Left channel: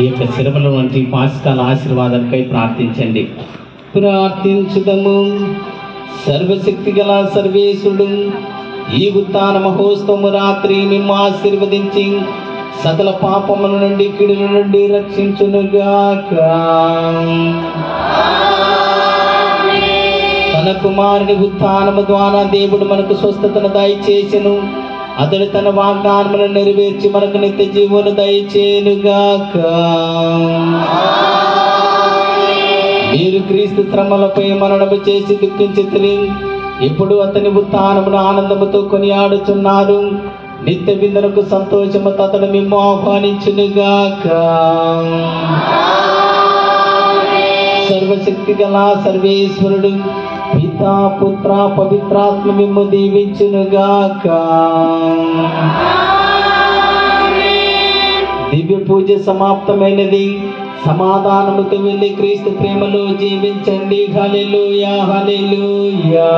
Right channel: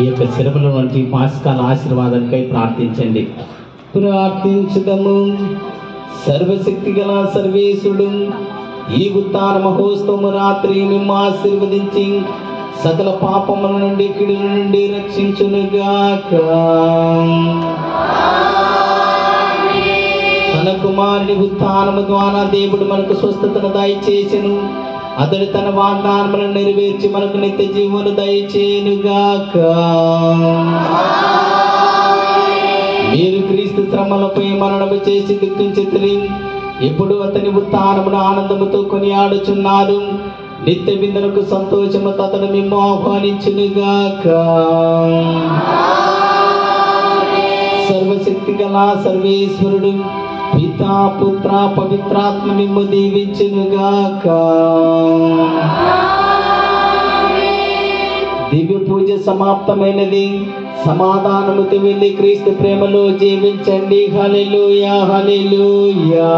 ఈ యొక్క శ్రమల వంటి పాస్కాల ఆశీర్వాదాలపై ప్రార్థించండి. ప్రార్థించుదము. సర్వశక్తి గల సర్వేశ్వరుడు ఈ ఉత్థాన మహోత్సవము రాత్రి మిమ్ము ఆశీర్వదించి సకల పాపముల నుండి కీడుల నుండి రక్షించునుగాక. తన కుమారుని ఉత్థానము ద్వారా దేవుడు మనకు స్వస్థతను దయచేసెను. అతడు తన వాగ్దానములను నెరవేర్చి మనకు నిత్య జీవమును దయచేయునుగాక. మీరు క్రీస్తు శ్రమలపై మరణము చేసి దుఃఖించితిరి. ఇప్పుడు అతని ఉత్థానమును ఆనందముతో కొనియాడుచున్నారు. నిత్య విందులకు సంతోషముతో అతడు మిమ్ము ఆహ్వానించునుగాక. సర్వశక్తి గల సర్వేశ్వరుడు పితా పుత్ర పవిత్రాత్మ మిమ్ము దీవించునుగాక. దివ్య పూజ సమాప్తమైనది. సమాధానముతో వెళ్ళి క్రీస్తు ప్రేమలో జీవించండి. హల్లెలూయా, హల్లెలూయా.